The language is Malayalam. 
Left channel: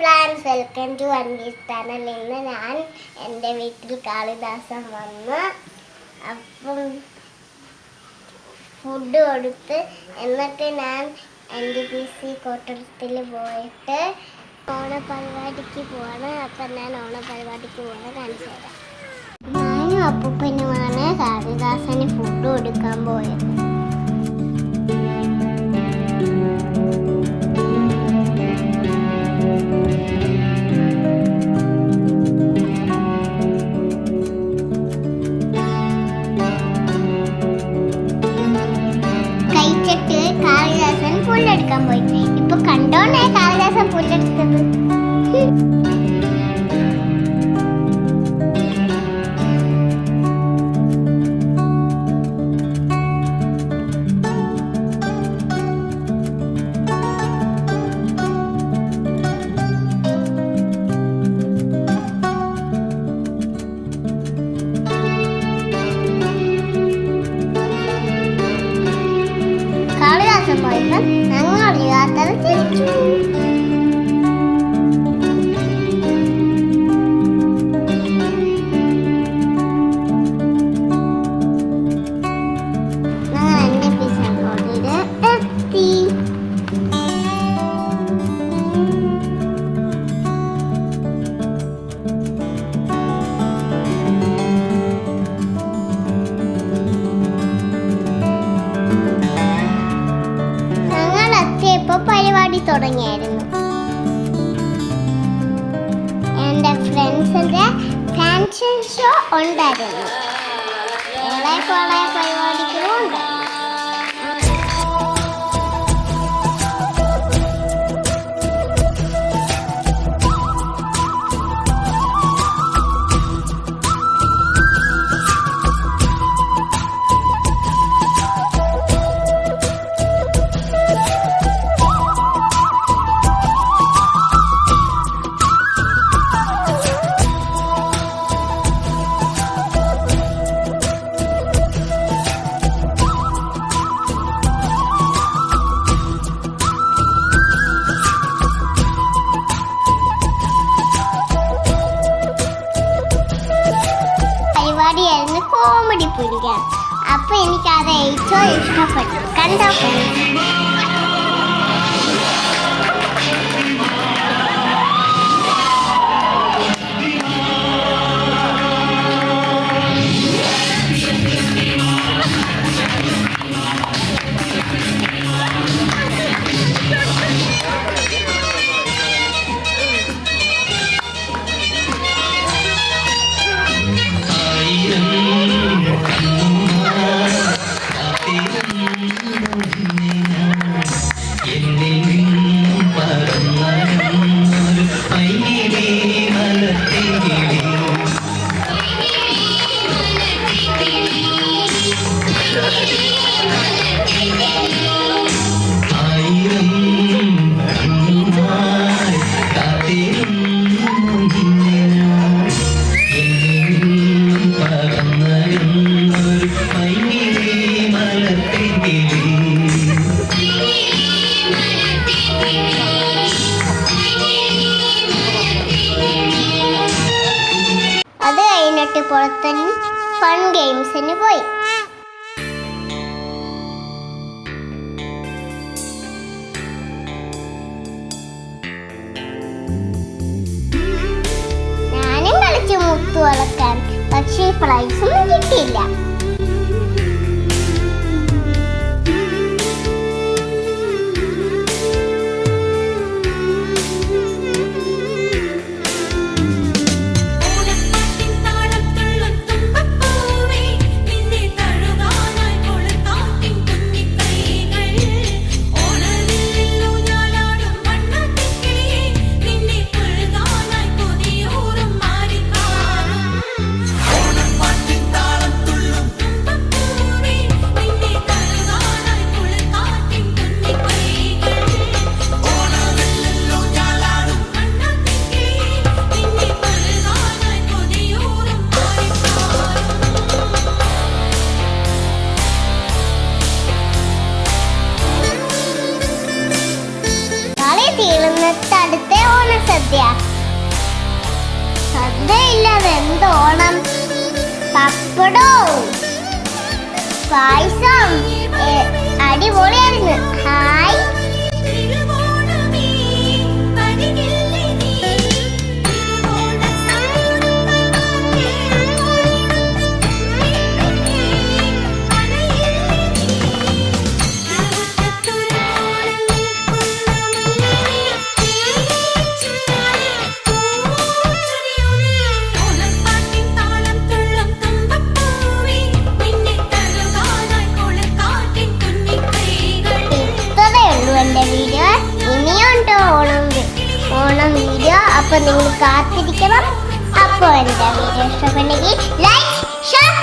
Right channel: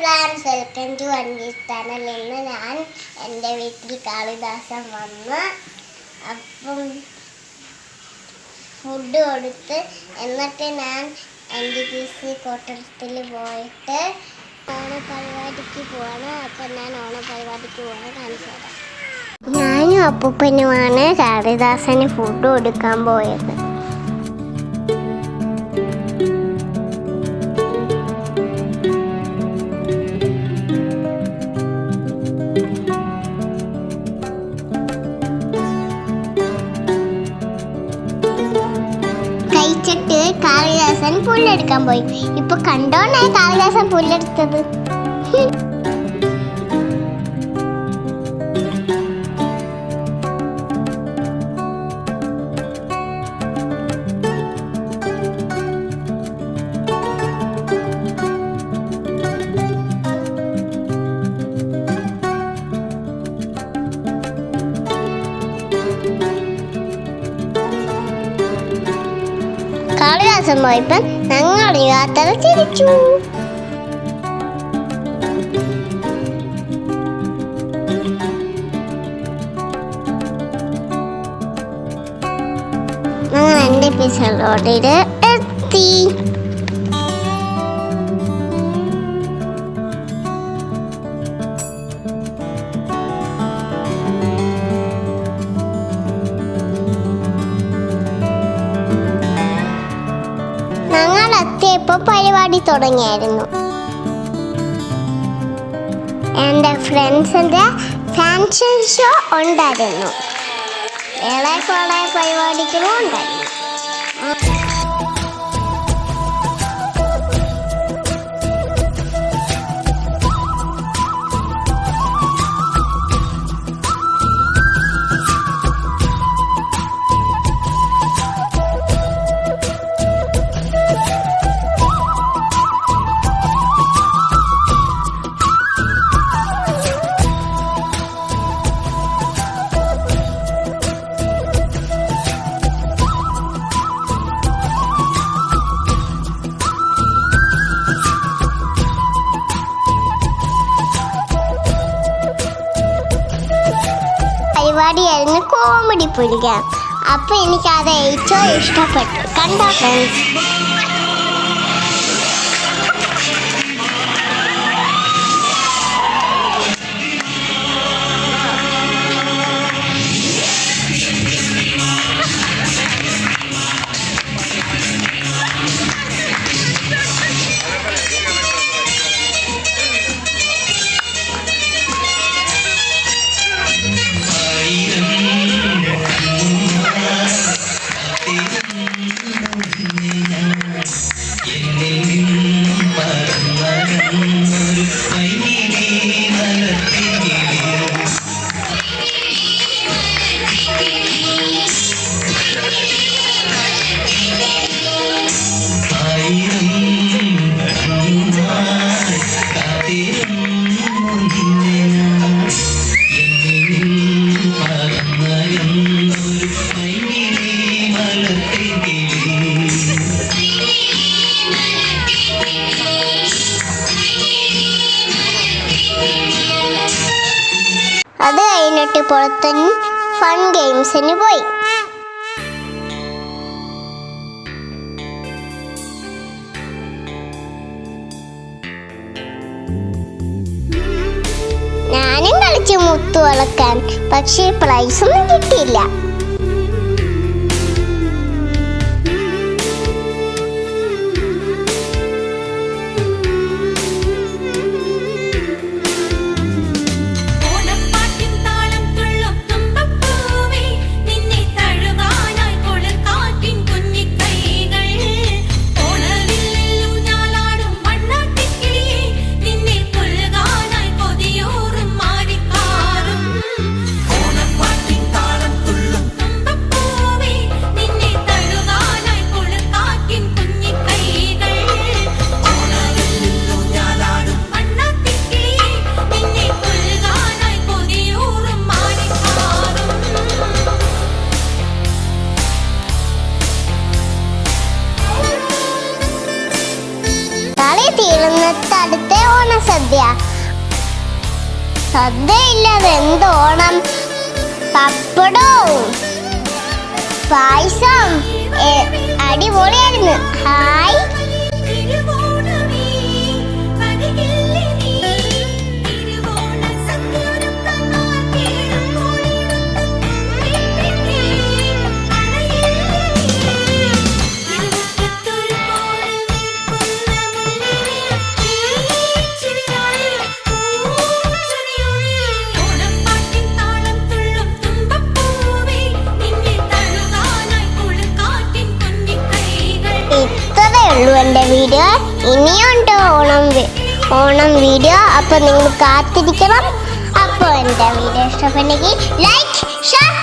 Friends, welcome to Anvi's channel. ഇന്ന് ഞാൻ എൻ്റെ വീട്ടിൽ കാളിദാസൻ വന്ന് അപ്പം ഫുഡ് കൊടുത്ത് എന്നിട്ട് ഞാൻ NTPC കോട്ടത്തിൽ പോയിട്ട് ഓണപരിപാടിക്ക് പോവാണ്. അപ്പം ഞാൻ ഓണപരിപാടിക്ക് പോവാണ്, കാണിച്ചു തരാം. ഞാനും അപ്പൂപ്പനുമാണ് കാളിദാസന് ഫുഡ് കൊടുക്കാൻ പോയത്. കാളിദാസൻ പുല്ലെടുക്കാൻ പോയി. ഇപ്പൊ കണ്ടോണ്ടേ കാളിദാസൻ പുല്ലെടുത്തത്. പോയപ്പോൾ ഞങ്ങൾ യാത്ര തിരിച്ചു. ഞങ്ങൾ NTPC റോഡിൽ എത്തി. പരിപാടി തുടങ്ങിയായിരുന്നു. എൻ്റെ ഫ്രണ്ട്സിൻ്റെ ഫാൻഷൻ ഷോ ഉണ്ടായിരുന്നു. ഏറെ കുറെ പരിപാടികളും ഉണ്ടായിരുന്നു. പരിപാടിയായിരുന്നു കോമഡി പ്രോഗ്രാം. അപ്പൊ എനിക്കത് ഏറ്റവും ഇഷ്ടപ്പെട്ടു. കണ്ടോ ഫ്രണ്ട്സ്? അത് കഴിഞ്ഞിട്ട് പുറത്ത് ഫൺ ഗെയിംസിന് പോയി. ഞാനും കളിച്ചു മുത്തു വളക്കാൻ, പക്ഷേ പ്രൈസൊന്നും കിട്ടിയില്ല. താളം തുള്ളും സദ്യ. സദ്യ ഇല്ലാതെ എന്ത് ഓണം? പപ്പടവും പായസം അടിപൊളിയായിരുന്നു. ഹായ്. എൻ്റെ വീഡിയോ ഇനിയുണ്ട് ഓണം വീഡിയോ. അപ്പോൾ നിങ്ങൾ കാത്തിരിക്കണം. അപ്പോൾ എൻ്റെ വീഡിയോ ഇഷ്ടപ്പെട്ടെങ്കിൽ ലൈക്ക് ഷെയർ